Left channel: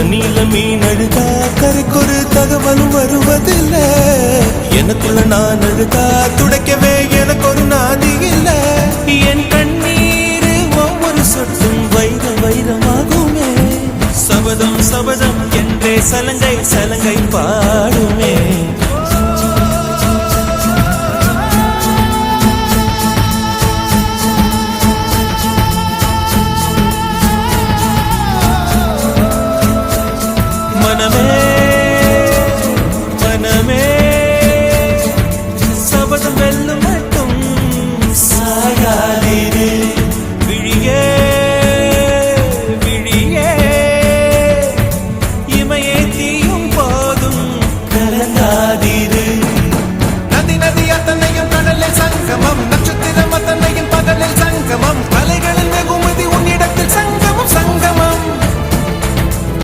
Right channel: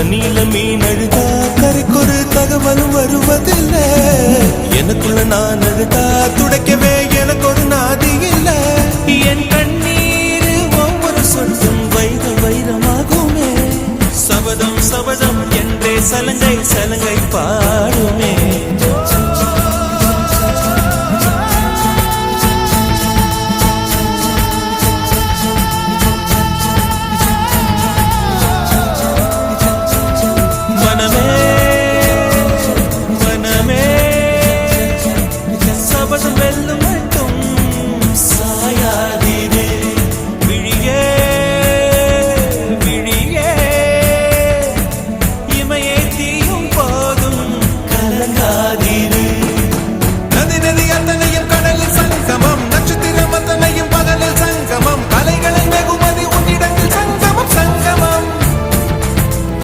தண்ணியில மீன் அழுதா கரைக்கொரு தகவலும் வருவதில்லை. எனக்குள்ள நான் அழுதா துடைக்கவே எனக்கு ஒரு நாதி இல்லை. என் கண்ணீர் ஒவ்வொரு சொட்டும் வைரம் வைரமாகுமே. சபதம் சபதம் என்றே சலங்கை சலங்கை பாடுமே.